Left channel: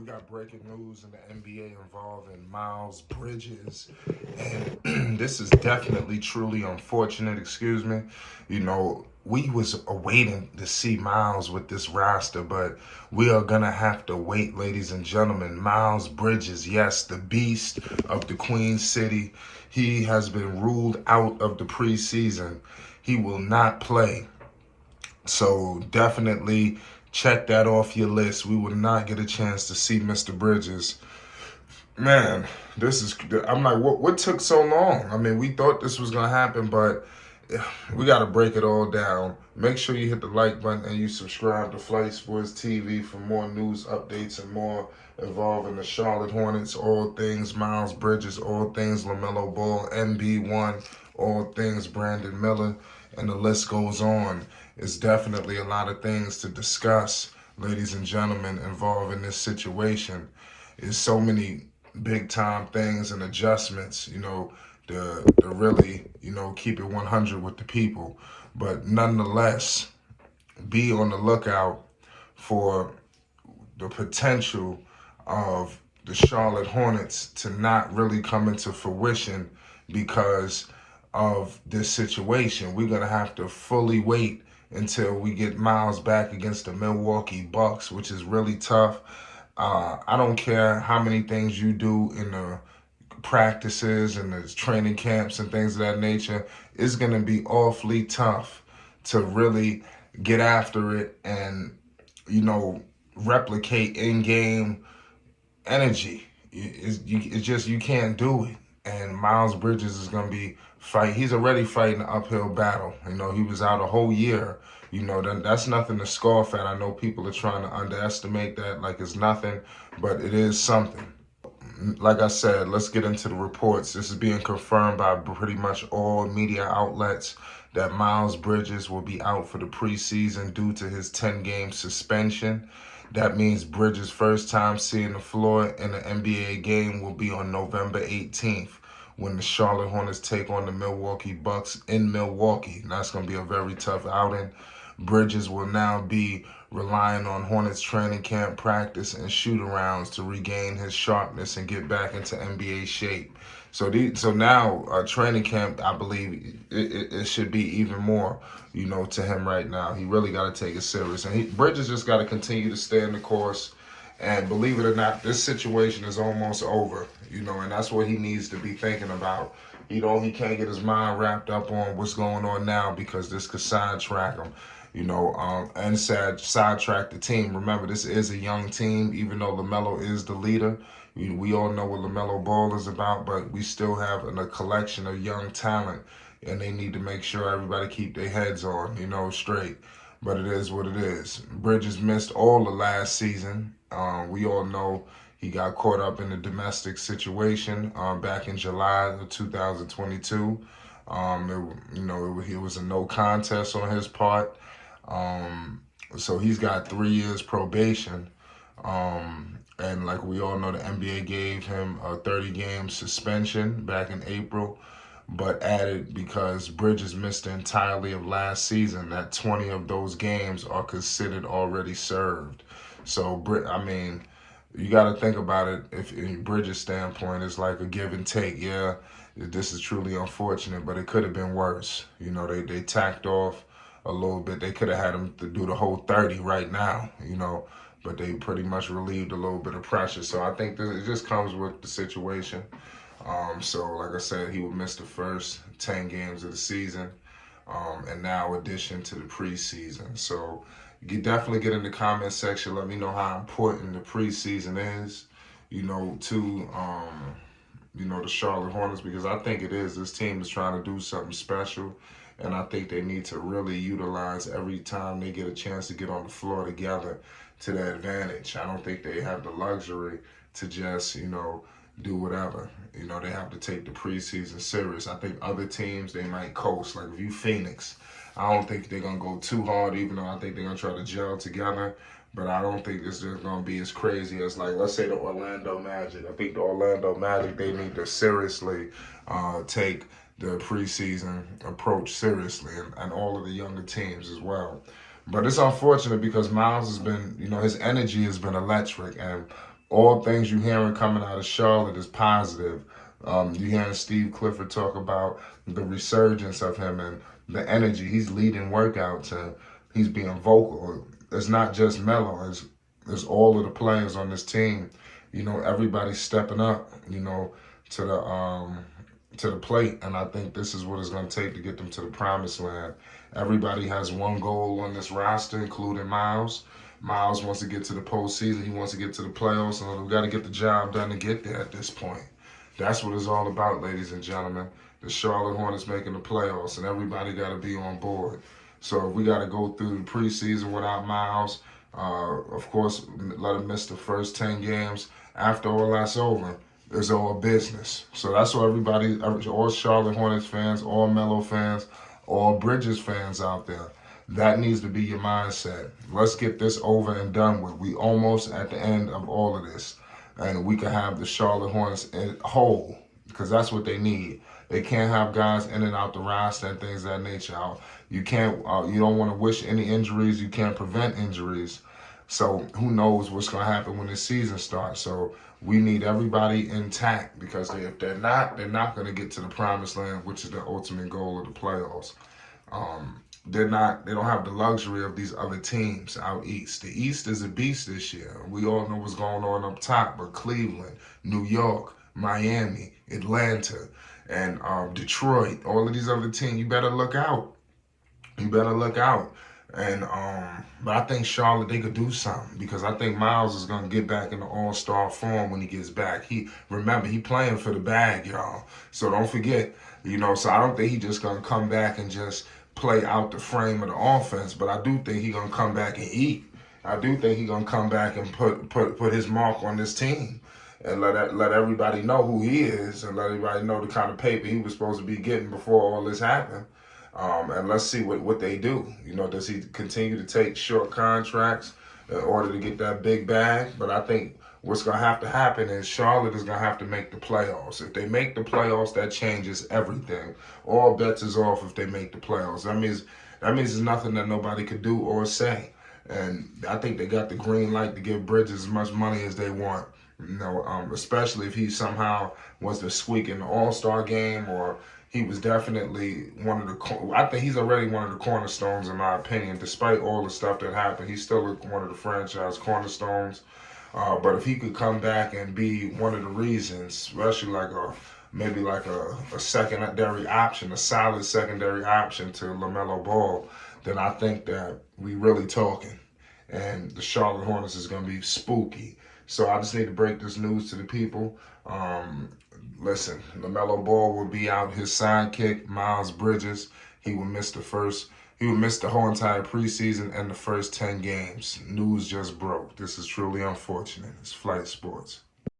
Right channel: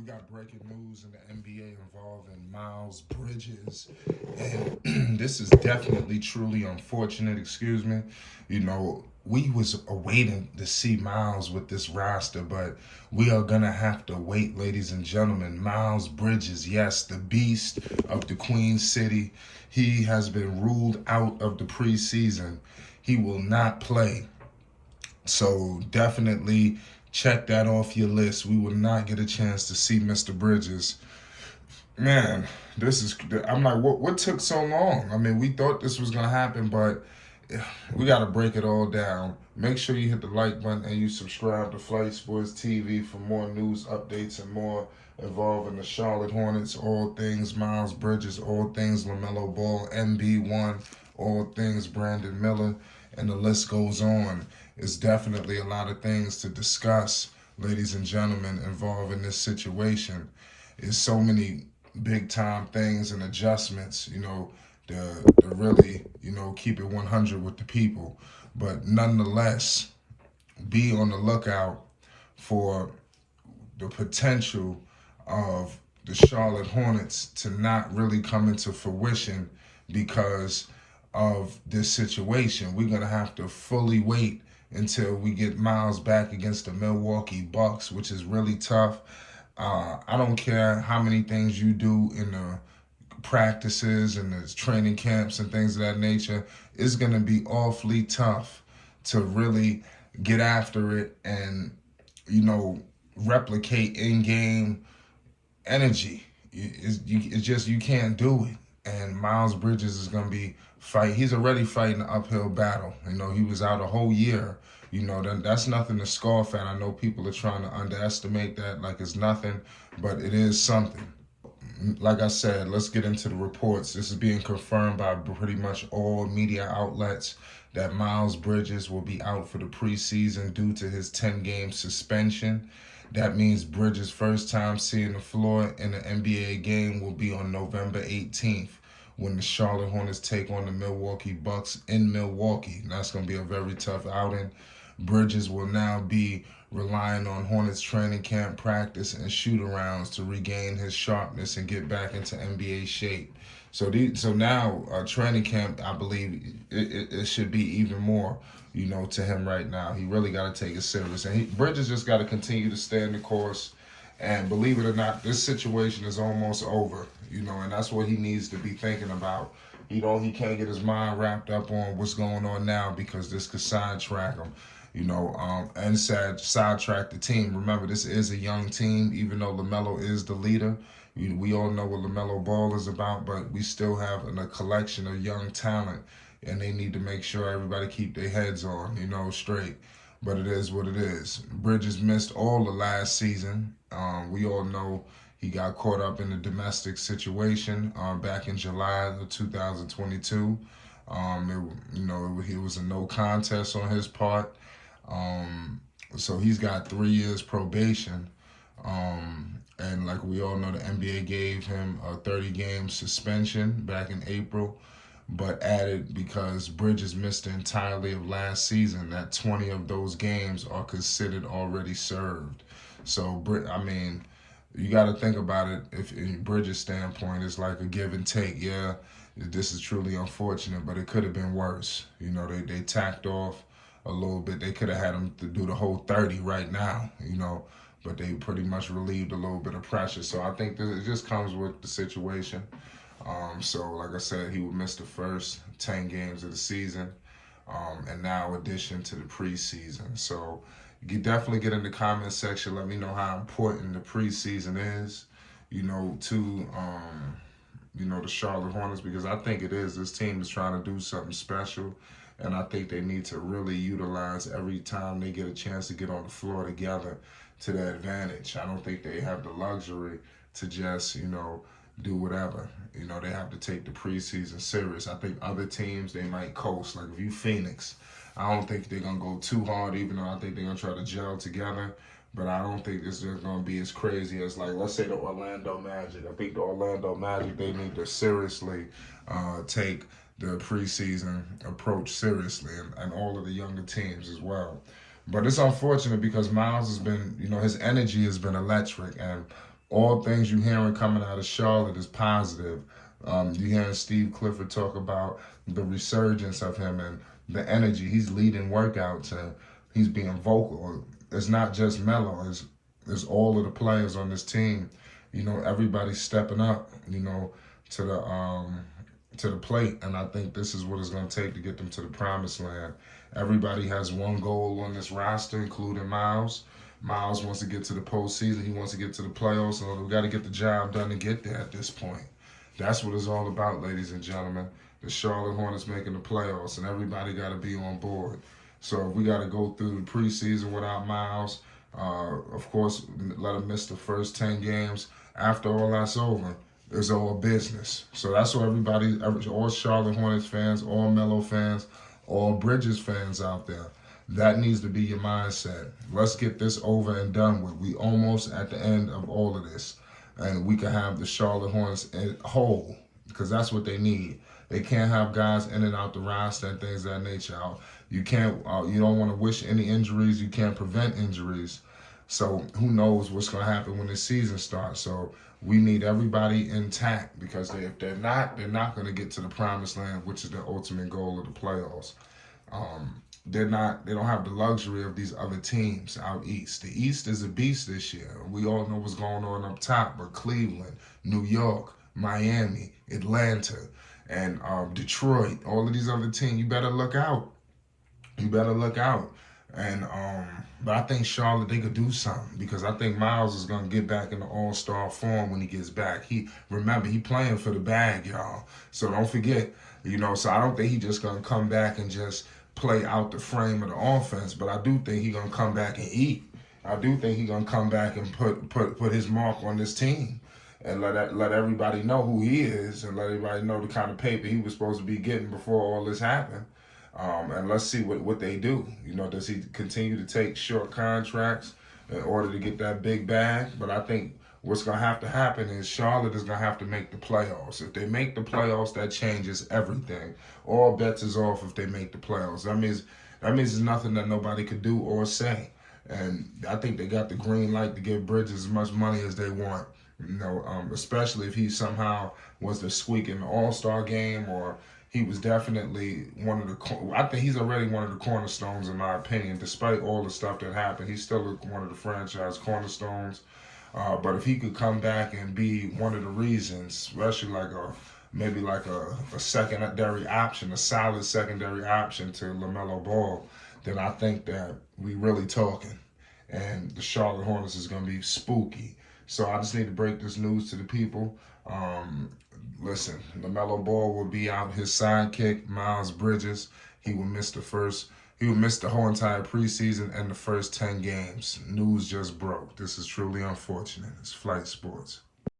We got breaking news in the NBA involving Miles Bridges. And this is definitely truly unfortunate, excuse me. We was awaiting to see Miles with this roster, but we are gonna have to wait, ladies and gentlemen. Miles Bridges, yes, the beast of the Queen City. He has been ruled out of the preseason. He will not play. So definitely check that off your list. We will not get a chance to see Mr. Bridges. Man, this is, I'm like, what took so long? I mean, we thought this was going to happen, but we got to break it all down. Make sure you hit the like button and you subscribe to Flight Sports TV for more news updates and more involving the Charlotte Hornets, all things Miles Bridges, all things LaMelo Ball, MB1, all things Brandon Miller, and the list goes on. It's definitely a lot of things to discuss, ladies and gentlemen, involving this situation. There's so many big time things and adjustments, to really, keep it 100 with the people. But nonetheless, be on the lookout for the potential of the Charlotte Hornets to not really come into fruition because of this situation. We're going to have to fully wait until we get Miles back against the Milwaukee Bucks, which is really tough. I don't care how many things you do in the practices and the training camps and things of that nature. It's going to be awfully tough to really get after it and, replicate in-game energy. It's just, you can't do it. And Miles Bridges is going to be he's already fighting an uphill battle. He was out a whole year. That's nothing to scoff at. I know people are trying to underestimate that like it's nothing, but it is something. Like I said, let's get into the reports. This is being confirmed by pretty much all media outlets that Miles Bridges will be out for the preseason due to his 10-game suspension. That means Bridges' first time seeing the floor in an NBA game will be on November 18th when the Charlotte Hornets take on the Milwaukee Bucks in Milwaukee. And that's going to be a very tough outing. Bridges will now be relying on Hornets training camp practice and shoot-arounds to regain his sharpness and get back into NBA shape. So now training camp, I believe it should be even more, to him right now. He really got to take it serious. And Bridges just got to continue to stay in the course. And believe it or not, this situation is almost over, and that's what he needs to be thinking about. He can't get his mind wrapped up on what's going on now because this could sidetrack him. And sidetrack the team. Remember, this is a young team, even though LaMelo is the leader. We all know what LaMelo Ball is about, but we still have a collection of young talent, and they need to make sure everybody keep their heads on, straight. But it is what it is. Bridges missed all the last season. We all know he got caught up in a domestic situation back in July of 2022. It was a no contest on his part. So he's got 3 years probation. And like we all know, the NBA gave him a 30-game suspension back in April, but added because Bridges missed the entirety of last season, that 20 of those games are considered already served. So, you got to think about it. If in Bridges' standpoint, it's like a give and take. Yeah, this is truly unfortunate, but it could have been worse. They tacked off a little bit. They could have had him to do the whole 30 right now, but they pretty much relieved a little bit of pressure. So I think it just comes with the situation. So like I said, he will miss the first 10 games of the season, and now addition to the preseason. So you definitely get in the comment section. Let me know how important the preseason is, to the Charlotte Hornets, because I think it is. This team is trying to do something special, and I think they need to really utilize every time they get a chance to get on the floor together to their advantage. I don't think they have the luxury to just, do whatever. They have to take the preseason serious. I think other teams, they might coast. Like if you Phoenix, I don't think they're going to go too hard, even though I think they're going to try to gel together. But I don't think it's just going to be as crazy as, like, let's say the Orlando Magic. I think the Orlando Magic, they need to seriously take the preseason approach seriously, and all of the younger teams as well. But it's unfortunate because Miles has been, his energy has been electric, and all things you hearing coming out of Charlotte is positive. You hearing Steve Clifford talk about the resurgence of him and the energy. He's leading workouts and he's being vocal. It's not just Melo. It's all of the players on this team. You know, everybody's stepping up. You know, to the plate, and I think this is what it's going to take to get them to the promised land. Everybody has one goal on this roster, including Miles. Miles wants to get to the postseason. He wants to get to the playoffs, and we've got to get the job done to get there at this point. That's what it's all about, ladies and gentlemen. The Charlotte Hornets making the playoffs, and everybody got to be on board. So if we got to go through the preseason without Miles, of course, let him miss the first 10 games. After all that's over, it's all business. So that's what everybody, all Charlotte Hornets fans, all Melo fans, all Bridges fans out there, that needs to be your mindset. Let's get this over and done with. We almost at the end of all of this. And we can have the Charlotte Hornets whole, because that's what they need. They can't have guys in and out the roster and things of that nature. You can't. You don't want to wish any injuries. You can't prevent injuries. So who knows what's going to happen when the season starts. So we need everybody intact, because if they're not going to get to the promised land, which is the ultimate goal of the playoffs. They don't have the luxury of these other teams out east. The East is a beast this year. We all know what's going on up top, but Cleveland, New York, Miami, Atlanta, and Detroit, all of these other teams, you better look out. You better look out. And but I think Charlotte, they could do something, because I think Miles is gonna get back in the all-star form when he gets back. He playing for the bag, y'all. So don't forget, you know. So I don't think he just gonna come back and just play out the frame of the offense, but I do think he gonna come back and eat. I do think he gonna come back and put his mark on this team, and let everybody know who he is, and let everybody know the kind of paper he was supposed to be getting before all this happened. And let's see what they do. You know, does he continue to take short contracts in order to get that big bag? But I think what's going to have to happen is Charlotte is going to have to make the playoffs. If they make the playoffs, that changes everything. All bets is off if they make the playoffs. That means there's nothing that nobody could do or say. And I think they got the green light to give Bridges as much money as they want. You know, especially if he somehow was the squeak in the All-Star game, or he was definitely one of the. I think he's already one of the cornerstones, in my opinion. Despite all the stuff that happened, he's still one of the franchise cornerstones. But if he could come back and be one of the reasons, especially maybe like a secondary option, a solid secondary option to LaMelo Ball, then I think that we really talking. And the Charlotte Hornets is going to be spooky. So I just need to break this news to the people. Listen, LaMelo Ball will be out. His sidekick, Miles Bridges, he will miss the whole entire preseason and the first 10 games. News just broke. This is truly unfortunate. It's Flight Sports.